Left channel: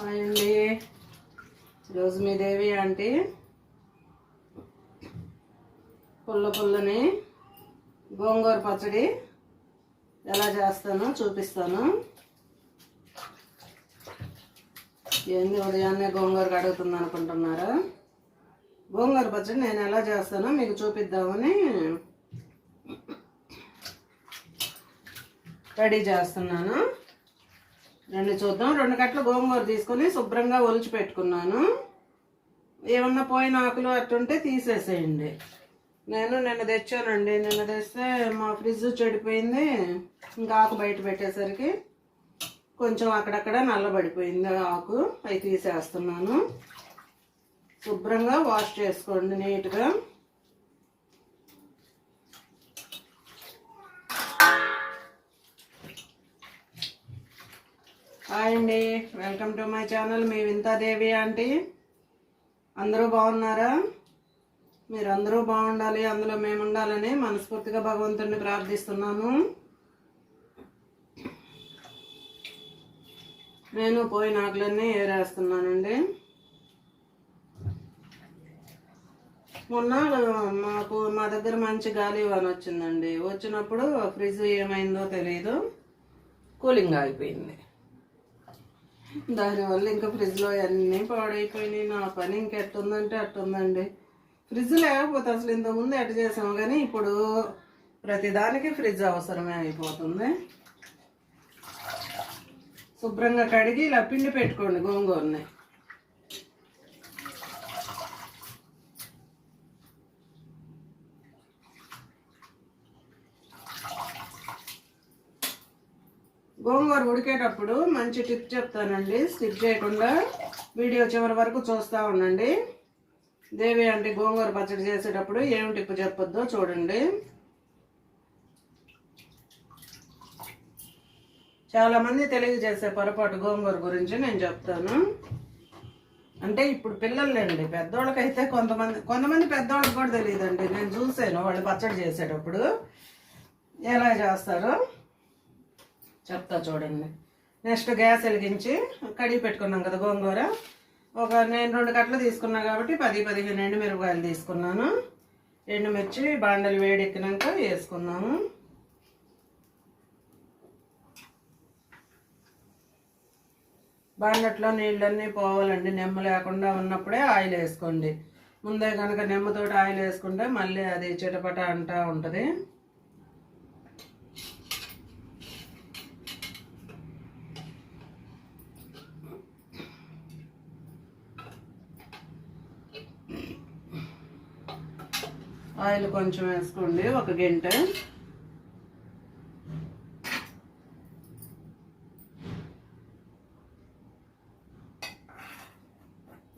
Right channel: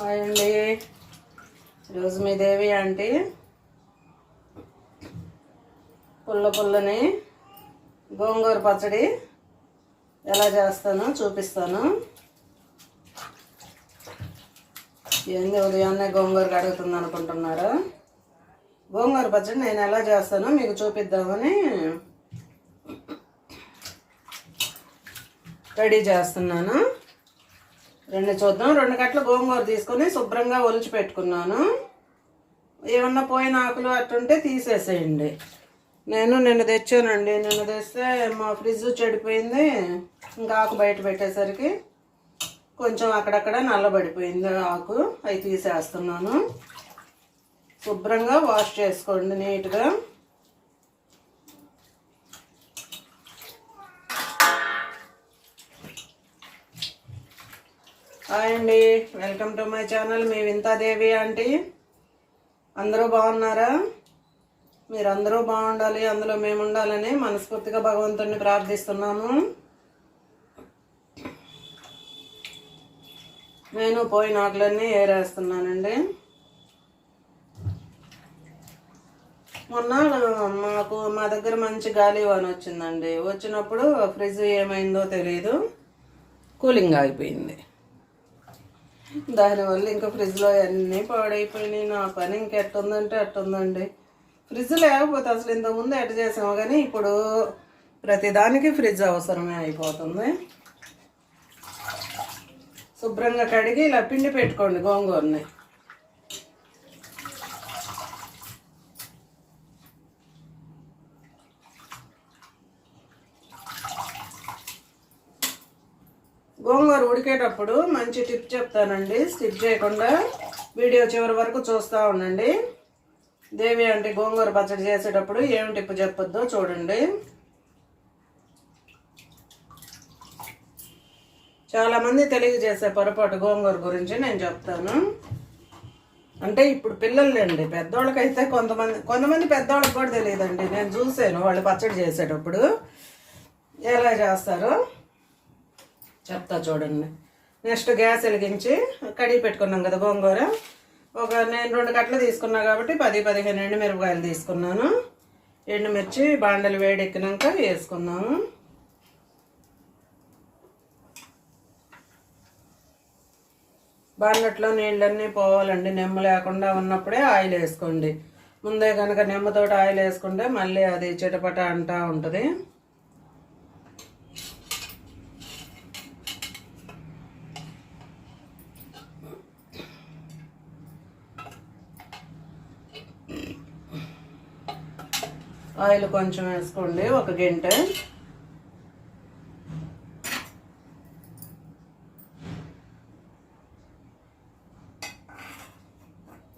Hi అండి. ఈరోజు మీ దేవి aunty. పుల్ల పుల్లని గోంగూర పచ్చడి ఎలా చేస్తానో చూపిస్తాను. ఏంది ఉదయాన్నే గోంగూర కడుగుతుంది అనుకుంటున్నారా? గోంగూర పచ్చడి నేను ఎలా చేస్తానో మీకు చూపిద్దామని రెడీ చేస్తున్నాను. రెండు చూద్దాం. రెండు గట్ల గోంగూర తీసుకొని శుభ్రంగా ఒలిచి పెట్టుకున్నాను. ఏమన్నా పోయిన ఆకులు అట్టుంటే తీసేసేయండి. నేను నిన్న తెచ్చానండి. నిన్న తెస్తే మా ఫ్రిడ్జ్ చెడిపోయింది. ఇంకా ఆకు బయట పెట్టేసరికి కొంచెం అక్కడక్కడ నల్లబడిపోయింది ఆకు. అవి తీసేస్తున్నాను. శుభ్రంగా వాష్ చేసుకోండి నీట్గా. హాయ్ అండి. Welcome to my channel. Me Vinthadevi aunty. అందరూ బాగున్నారా? మీరందరూ బాగుండాలి అందులో మేము ఉండాలని మనస్ఫూర్తిగా భగవంతుడిని ప్రార్థిస్తున్నాము నేను పోయిన ఆకులన్నీ ఏరేస్తున్నానండి. మొన్న మాకు మా దగ్గర మంచి గాలి వాన వచ్చిందండి. వచ్చినప్పుడు ఫ్రిడ్జ్ ఏమైందో తెలియదు కూలింగ్ ఆగిపోయింది. దానివల్ల ఇంకా ఫ్రిడ్జ్లో అన్నీ పాడైపోయినాయి. నా పని ఇంకెట్టుందంటే అట్టుందండి. ఫ్రిడ్జ్ లేకపోతే అసలు ఇంతకుముందు ఎట్ట చేసాము కానీ ఇప్పుడు ప్రతిదానికి ఫ్రిడ్జ్ అవసరమే అయిపోతుంది. శుభ్రంగా కడిగి ఇలా పిండి పెట్టుకోండి గోంగూరని. గోంగూర ఉడికేటప్పుడు మంచి టిప్ చెప్తానండి. స్కిప్ చేయకుండా వీడియో చివరి వరకు చూస్తూ ఉండండి. దేవి అంటే గోంగూర పచ్చడి చేసేటప్పుడు ఏమి టిప్ చెప్పొద్దో చూడండి. చాలామంది తెలియజేసే పొరపాటు గోంగూర గురించి నేను చెప్తాను. అంటే ఇప్పుడు పిల్లలండి పెద్దవాళ్ళకైతే కొంతమంది కొంతమంది పెద్దవాళ్ళకి కూడా తెలియదండి. నేను చూసాను వాళ్ళు పచ్చడి చేసేటప్పుడు ఎలా చేస్తారో. చెప్తా చూడండి. నెక్స్ట్ గ్యాస్ వెలిగించి కడిగి పెట్టుకున్నాం కదా గోంగూర. ఒక నేను రెండు కట్టలు తీసుకున్నా కాబట్టి పది పదిహేను ఎండుమిరపకాయలు తీసుకున్నాను. ఎండుమిర్చి బాండలు వేడెక్కినాక వేసుకున్నాము. బాండట్లో నీళ్ళన్నీ పోవాలండి. నిమ్మ లేకుండా ఉన్నప్పుడే ఆయిల్ వేసుకోండి. ముందే కనుక నిమ్మతోటి ఆయిల్ వేసుకుంటే మళ్ళీ అది చిటపట అంటూ ఉంటుంది. ఆయిల్ కొంచెం వేసుకోండి ఒక గంట.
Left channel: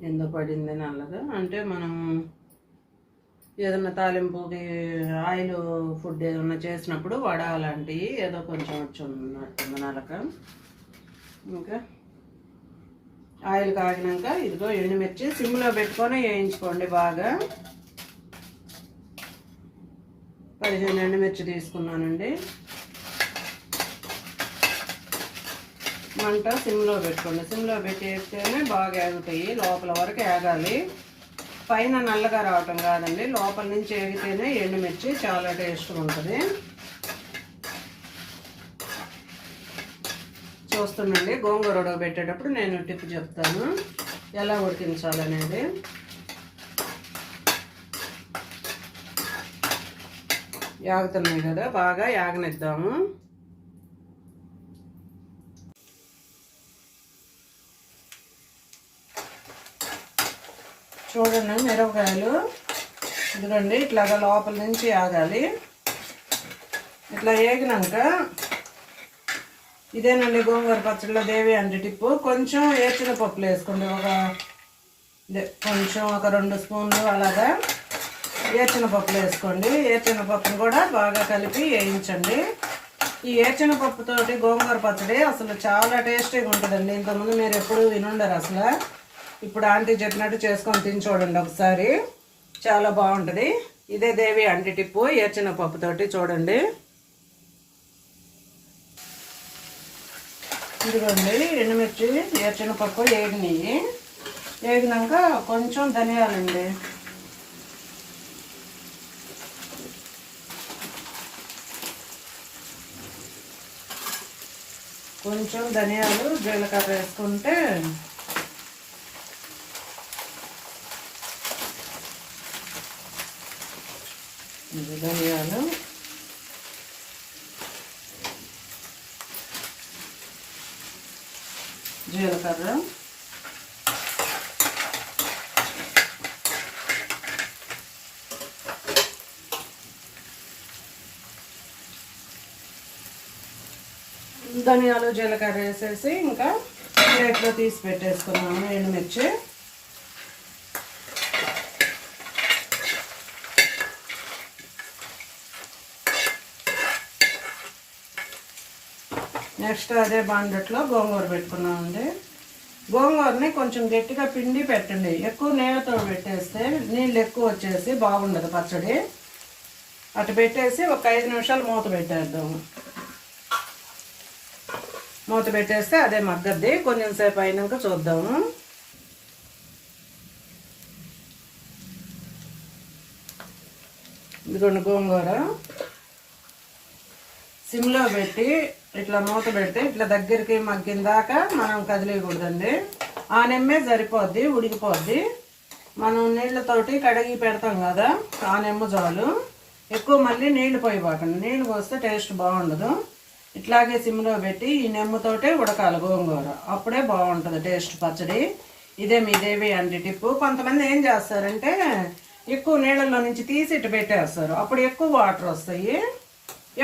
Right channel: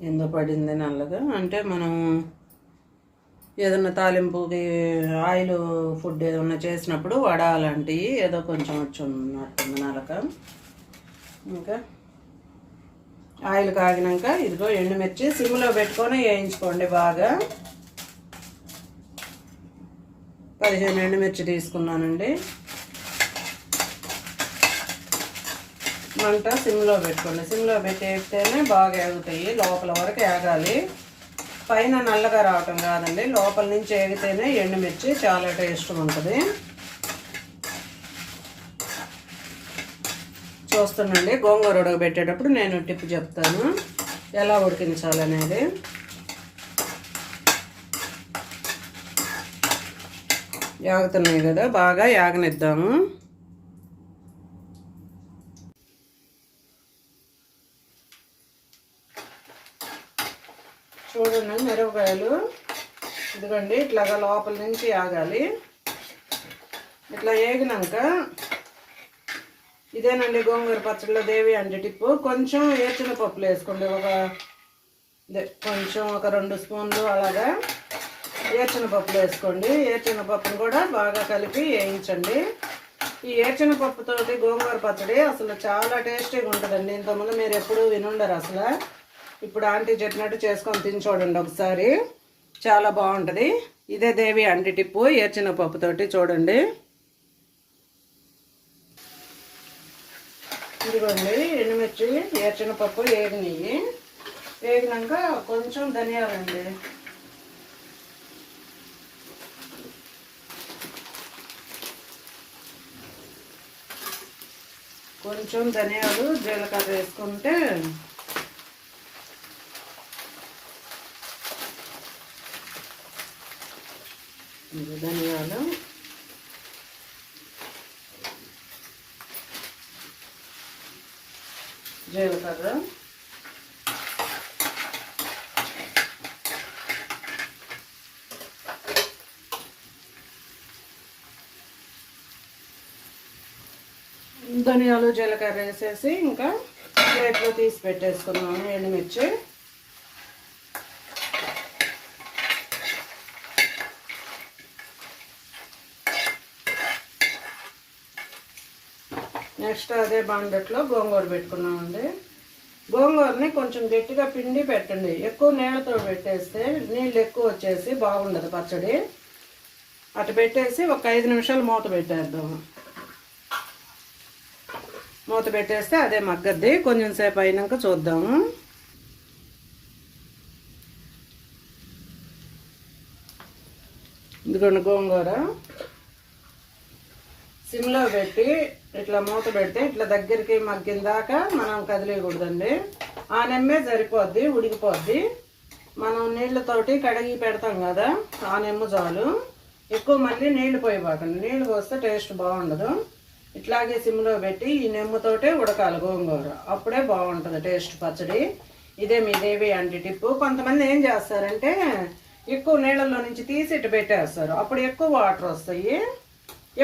ఎందు పడింది నల్లగా అంటే మనం ఏదన్నా తాలింపుకి ఆయిల్ ఫుడ్ ఏదన్నా చేసినప్పుడు వడ అలాంటివి ఏదో కొంచెం వచ్చి నలక. ఇంకా ఆయిల్ కాగినాక ఇదిగో ఎండుమిర్చి సిమ్లో పెట్టుకొని వేయించుకోండి బాగా. పదిహేను ఎండుమిర్చి తీసుకున్నానండి. మంట సిమ్లో పెట్టుకోండి. సిమ్లో పెట్టేస్తేనే బాగా ఏగుతాయి లోపల వరకు ఏగాలి. పైన నల్లగా రావటం కాదండి లోపల నుంచి ఏగితేనే ఎండుమిర్చి చాలా టేస్ట్ ఉంటుంది. చూస్తానండి గోంగూర ఉడకబెట్టేటప్పుడు నేను టిప్ చెప్తాను ఎలా ఉడికించాలనేది. యాగుతున్నాయి కదా బాగా యాగనిద్దాము. చూడండి మిరపకాయలు. ఇదిగోండి ఇట్లాగా లోపల నుంచి ఆగాలి ఇట్లా వేగినాక ఇదేనండి గోంగూర పచ్చడిలో దేవి అంటే టిప్పు. కొంచెం ఏచిన పప్పులు వేసుకోండి ఒక కొంచెం ఒక రెండు స్పూన్లు అలాగా. ఏచిన పప్పులు వేసుకోండి. ఏచిన పప్పును కూడా బాగా కలిపి వేయించండి. ఈ ఏచిన పప్పుతోటి గోంగూర పచ్చడి అసలు చాలా టేస్టీగా ఉంటుందండి. ఇంతకుముందు మీరు ఎప్పుడు వినుండరు అసలు. ఇప్పుడు ఆంటీ చెప్పినట్టు చేసుకొని తిని చూడండి ఒకసారి. చాలా బాగుంటుంది. ఇదే దేవి అంటి టిప్పు. ఏచిన పప్పుతోటి చూడండి. ఇదిగోండి ఎండుమిర్చి ఏచిన పప్పు ఏగినాయి ఏగినాక కొంచెం ధనియాలండి. కొంచెం ధనియాలు జీలకర్ర వేసుకుంటే ధనియాలు. జీలకర్ర. ధనియాలు జీలకర్ర వేసేసి ఇంకా ప్లేట్లో తీసి పెట్టేసుకున్నాను ఎండుమిర్చి. నెక్స్ట్ అదే బాండట్లో గోంగూర పెట్టుకున్నామండి గోంగూరని కొంచెం గట్టిగా పిండి పెట్టండి. ఎక్కువ నీళ్ళతో పెట్టేస్తే నీళ్ళు ఎక్కువ వచ్చేసి బాగుండదు పచ్చడి. అటు పెట్టేసి ఒక ఐదు నిమిషాలు మూత పెట్టేద్దాము మూత పెట్టేస్తే అదే మగ్గద్ది. కొంచెం సేపు అయినాక చూద్దాము. ఇదిగోండి గోంగూర. సిమ్లో పెట్టి ఇట్లా మూత పెడితే ఇట్లా దగ్గరికి మగ్గిన దాకా మనం కదిలేయకూడదండి. ఆ నెమ్మే సరిపోద్ది ఉడికిపోద్ది. మనం నీళ్ళతోటి కడిగి పెడతాం కదా ఆ నెమ్మ చాలు. ఎక్కువ మళ్ళీ నీళ్ళు పోయిపోకండి నీళ్ళు పోస్తే టేస్ట్ బాగుండదు. ఇట్లాగే సిమ్లో పెట్టి ఈ నెమ్మతోటే ఉడకాలి గోంగూర. అప్పుడే బాగుంటుంది టేస్ట్ పచ్చడి. ఇదే మీ దేవి టిప్పు. కొంతమంది ఏం చేస్తారంటే ఎక్కువ నీళ్ళల్లో నుంచి తీసి ఇటు పెట్టేస్తారు. అప్పుడు ఎక్కువ వాటర్ వస్తాయి.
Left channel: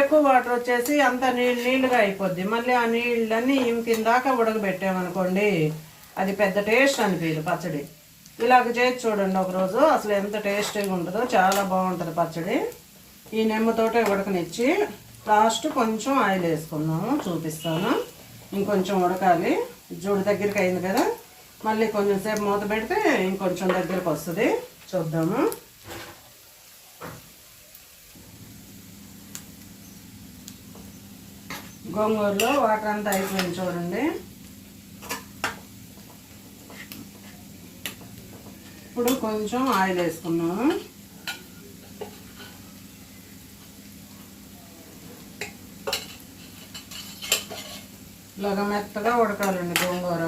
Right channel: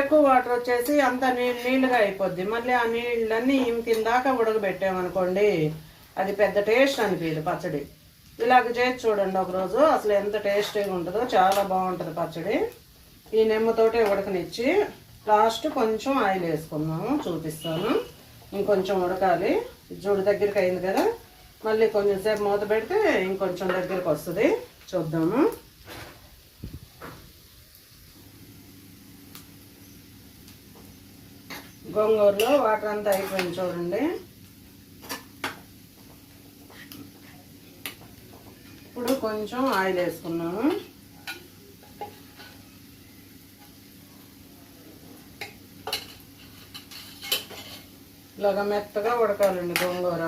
ఎక్కువ వాటర్ వచ్చేసి అంత నీళ్ళు నీళ్ళుగా అయిపోద్ది. మళ్ళీ ఆ నీళ్ళన్నీ ఇంకిన దాకా ఉడకబెట్టామనుకోండి అది పెద్ద టేస్ట్ అనిపించదు పచ్చడి. ఇలాగ చేసి చూడండి ఒకరోజు అసలు ఎంత టేస్టీగా ఉంటుందో. చాలా బాగుంటుంది పచ్చడి. ఈ నెమ్మతోటే ఉడకనిచ్చి లాస్ట్ కొంచెం ఆయిల్ వేసుకున్నాము చూపిస్తాను. ఇంకొంచెం ఉడకాలి. జుడు దగ్గరికి అయింది కదా. మళ్ళీ కొంచెం సేపు మూత పెడితే ఇంకొంచెం దగ్గరికి వస్తుంది. చూద్దాము. గోంగూరలో వాటర్ అంతా అయిపోయింది చూడండి. ఇప్పుడు కొంచెం ఆయిల్ వేసుకున్నాము ఇట్లాగా మెత్తగా ఉడకాలండి గోంగూర.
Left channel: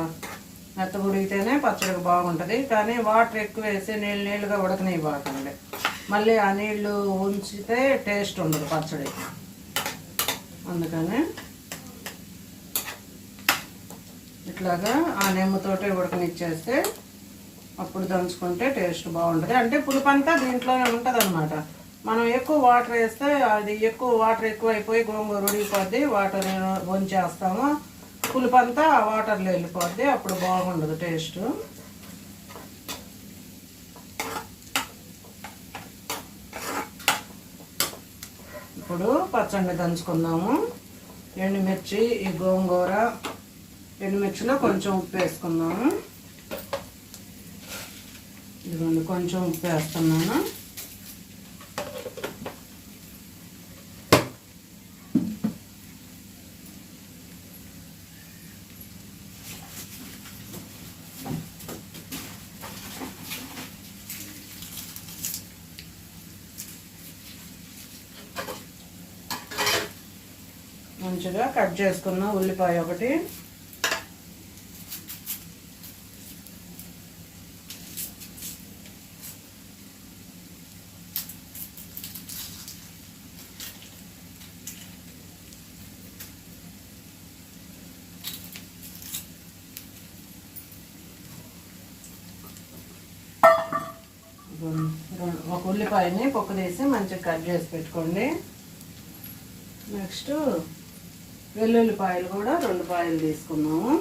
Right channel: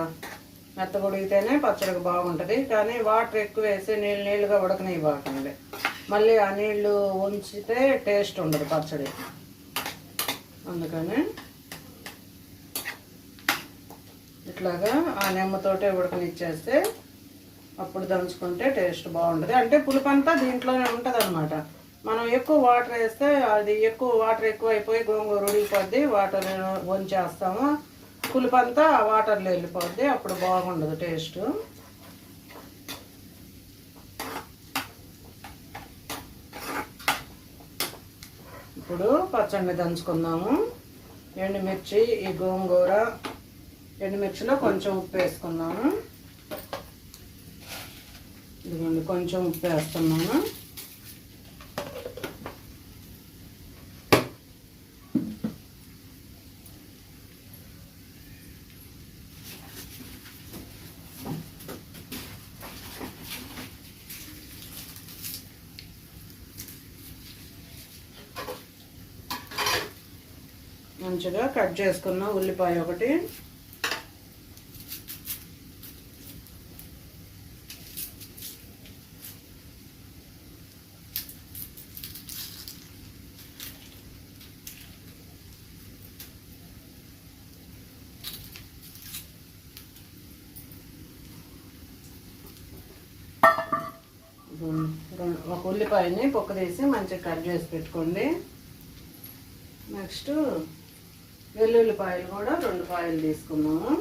మెత్తగా ఉడికితేనే పచ్చడికి బాగుంటుంది. కానీ వాటర్ ఎక్కువ వేసి నీళ్ళు నీళ్ళుగా ఉడకనివ్వకండి మళ్ళీ ఆ నీళ్ళు ఉంచితే టేస్ట్ ఉండదు పచ్చడి. అందుకని ఇట్లాగా ఆ నిమ్మతోటే ఉడకనిచ్చేస్తే అప్పుడు దంచుకుంటే టేస్ట్ బాగుంటుంది. అంటే పులుపంతా దీంట్లోనే ఉంటుంది అనమాట మనం ఎక్కువ వాటర్ వేస్తే అది ఎక్కువ వాటర్ ఎక్కువ అయిపోయి గోంగూర ఉడిగిపోద్ది వాటర్ వంచేస్తాము. పులుపంతా వాటర్లో వెళ్ళిపోద్ది అప్పుడు బాగుండదు టేస్ట్. ఇప్పుడు పచ్చడి దంచుకుందాము. ఎండుమిర్చి ఈ గోంగూర ఎండుమిర్చిలో కొంచెం ఉప్పు వేసుకుందాము. ఇదిగోండి కొంచెం ఉప్పు వేస్తున్నాను మంచిగా కట్ చేసుకున్న ఉల్లిపాయ ఒకటి. ఒక ఉల్లిపాయని పొక్కు తీసి మంచిగా కట్ చేసి పెట్టుకోండి. నెక్స్ట్ వెల్లుల్లిపాయలు కూడా రెండు పాయలు తీసుకున్నాము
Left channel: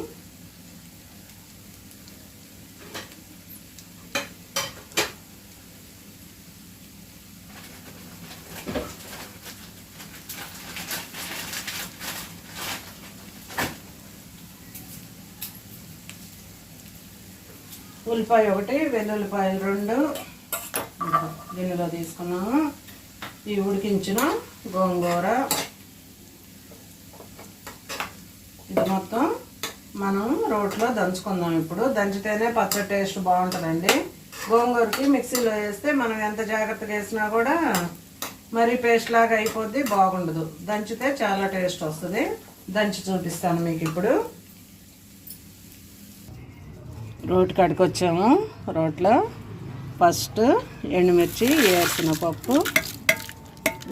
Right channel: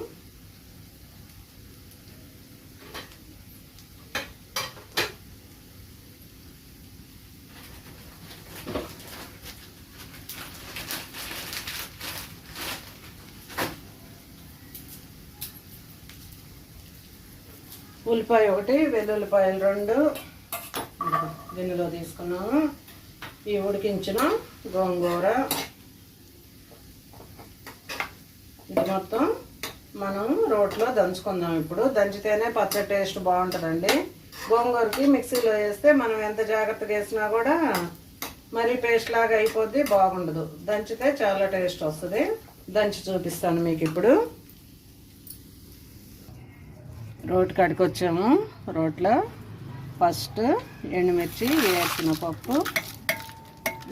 ఉల్లిపాయ ఒకటి వెల్లుల్లిపాయలు రెండు. గిన్నెలో తీసుకున్నాము. ఈ ఉడికించిన గోంగూర ఇది మొత్తం మనం రోట్లో దంచుకుందాం ఇప్పుడు. దంచితేనే పచ్చడి టేస్ట్ బాగుంటుందండి. గోంగూరకి మిక్సీలో వేస్తే మనం ఎంత జాగ్రత్తగా వేసినా కూడా మరి పేస్ట్ లాగా అయిపోద్ది బాగుండదు. దంచితే చాలా టేస్ట్ వస్తుంది. దంచి చూపిస్తాను మీకు ఇప్పుడు. రోటి కాడికి వచ్చాము రోట్లో ఫస్ట్ ఎండుమిర్చి వేసిన పప్పు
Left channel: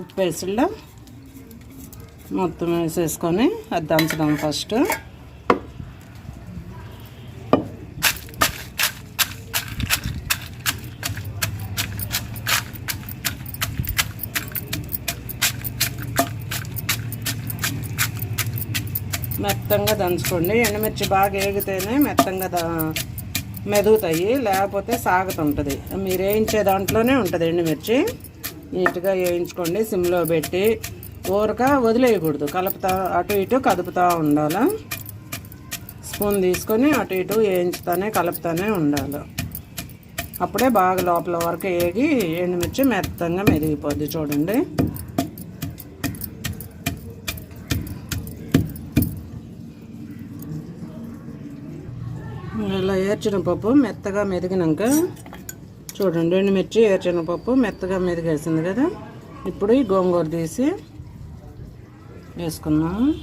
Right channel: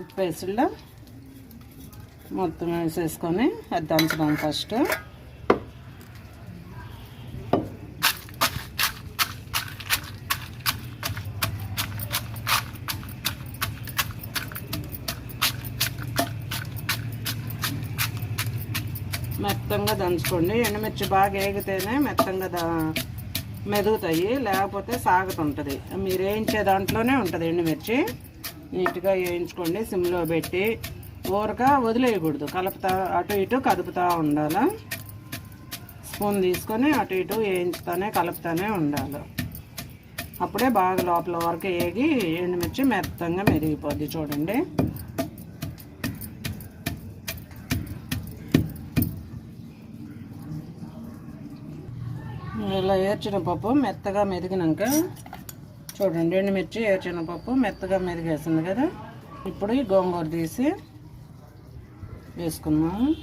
ఉప్పు వేసిలో మొత్తం వేసేసుకొని అది దంచడం ఫస్ట్. మెత్తంగా దంచుకోండి. ఎండుమిర్చి బాగా ఏగితేనే మెత్తంగా దా మెదుగుతాయి. లేకపోతే సాగుతుంటుంది. మీరు వేయించే దాంట్లోనే ఉంటుంది ఎండుమిర్చి. నీట్గా వేయించుకోండి. సిమ్లో పెట్టి ఊరక వదిలేయకూడదు. కలుపుతా అటు ఇటు కదుపుతూ ఉండాలి? స్పూన్ తీసుకొని అటు ఇటు వేయించుతానే కలుపుతానే ఉండాలి. అప్పుడే బాగా లోపల వరకు వేగి ఎండుమిర్చి మెత్తంగా మెరిగిపోద్ది చూడండి ఇలా ఏర్చిన పప్పు మెత్తగా మెదిగినాక చూడండి ఎండుమిర్చి ఏర్చిన పప్పు మెత్తగా మెదిగేసింది కదా. ఇప్పుడు ఈ గోంగూర తీసి వేసుకుందాం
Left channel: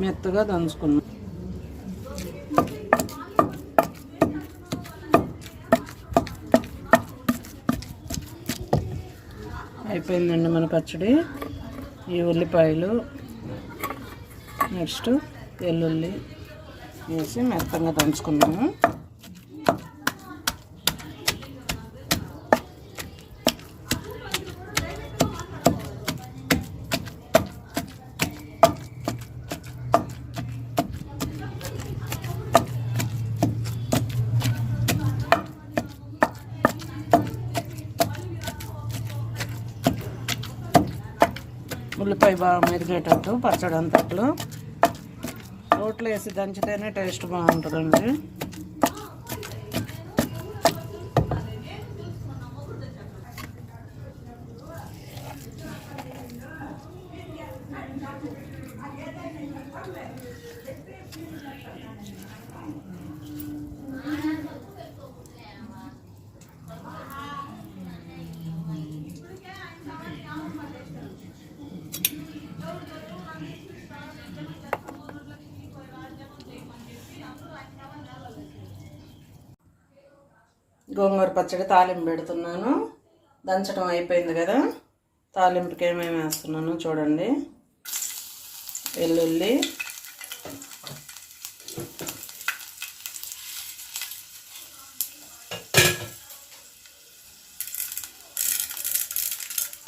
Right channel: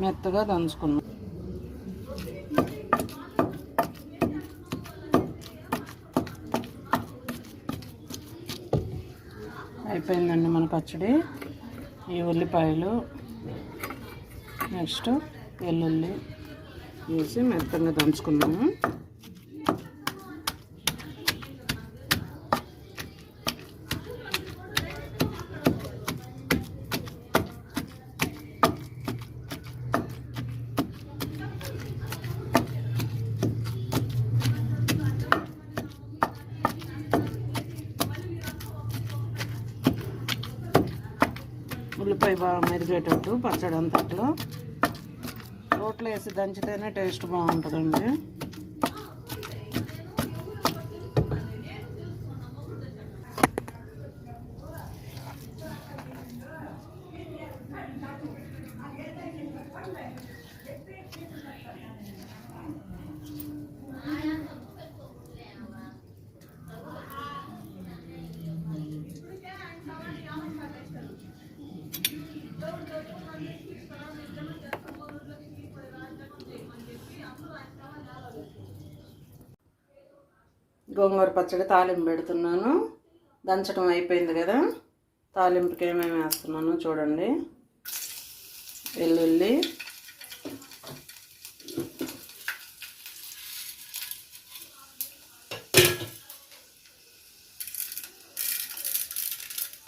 మెత్తగా దంచుకున్నాం. అయిపోయిందండి మన పచ్చడి. ఈ ఉల్లిపాయలు నెక్స్ట్ వెల్లుల్లి వేసి మెత్తంగా దంచుకున్నాము. అవి బాగా మెరిగేటట్టు పచ్చడి అంతట్లో. రోట్లో వేసి దంచితేనే టేస్ట్ బాగుంటుందండి. గోంగూర పచ్చడి తాలింపు పెడుతున్నాను. దంచడం అయిపోయింది కదా. తాలింపుకి ఏమేమి వేస్తున్నాను చూడండి. వెల్లుల్లి.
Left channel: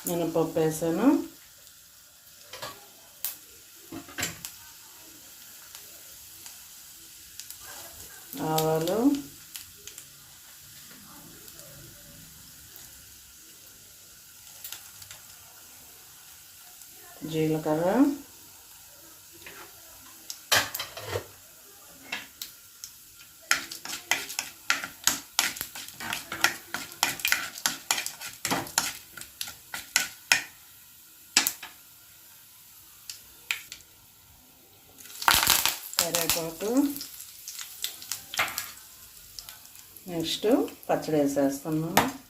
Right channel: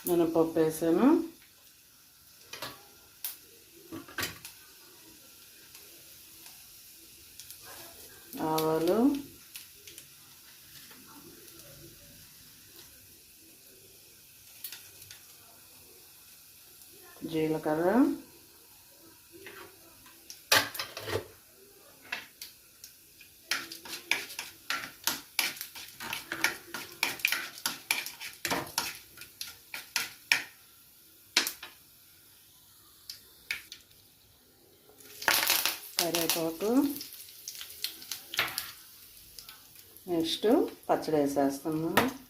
మినపప్పు వేసాను. ఆవాలు. కదా? కరివేపాకు. నెక్స్ట్ పచ్చడి వేసేస్తున్నాము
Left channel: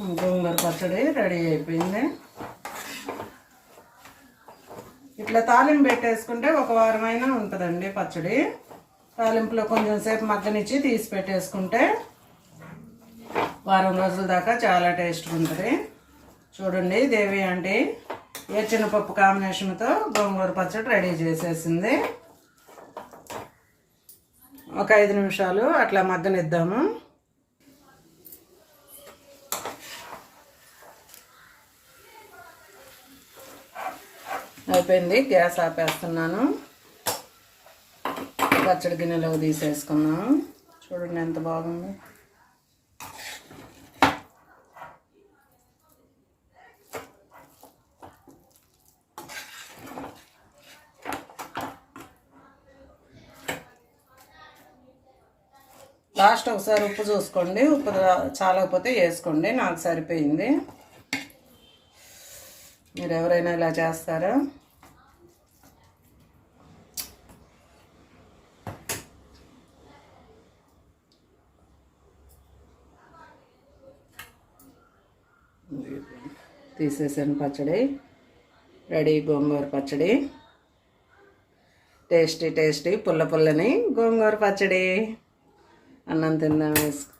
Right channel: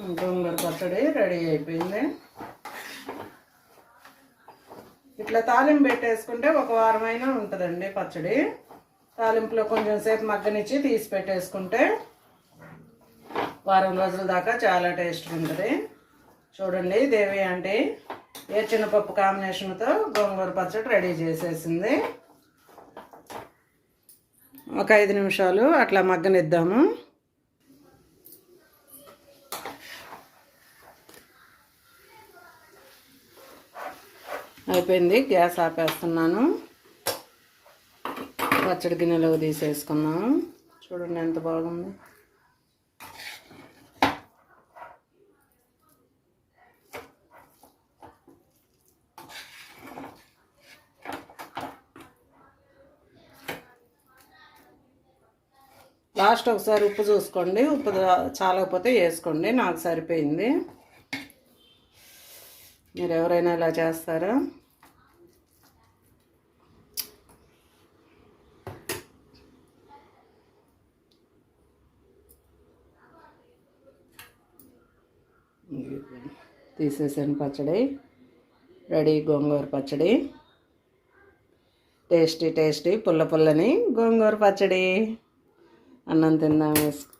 గోంగూర పచ్చడి రెడీ అయిపోయింది. ఇట్లా తాలింపు పెట్టేసుకుంటే ఒక వారమైనా ఉంటుందండి పచ్చడి. తాలింపులో కొంచెం సేపు మగ్గనిచ్చి తీసి పెట్టేసుకుంటే వారం రోజుల దాకా చాలా టేస్ట్ ఉంటుంది. చూడండి దేవి ఆంటీ ఏ పప్పు కాంబినేషన్తో గోంగూర పచ్చడి రెడీ చేసేసింది. ఒక ఐదు నిమిషాలు అట్లా మగ్గనిద్దాము. అయిపోయింది. గ్యాస్ ఆపేస్తున్నాను. పచ్చడి గిన్నెలోకి తీసేసుకున్నాను చూడండి ఎంత బాగుంది. లాస్ట్ ఒకసారి ఉప్పు చూసుకోండి. ఉప్పు చాలకపోతే వేసుకోండి. నాకు సరిపోయింది. మీరు ఎవరైనా ఇలా చేస్తారా? తీసేసాను పచ్చడి. రెడీ గోంగూర పచ్చడి. టేస్టీ టేస్టీ పుల్ల పుల్లని గోంగూర పచ్చడి. అన్నం తిందాం వేసుకు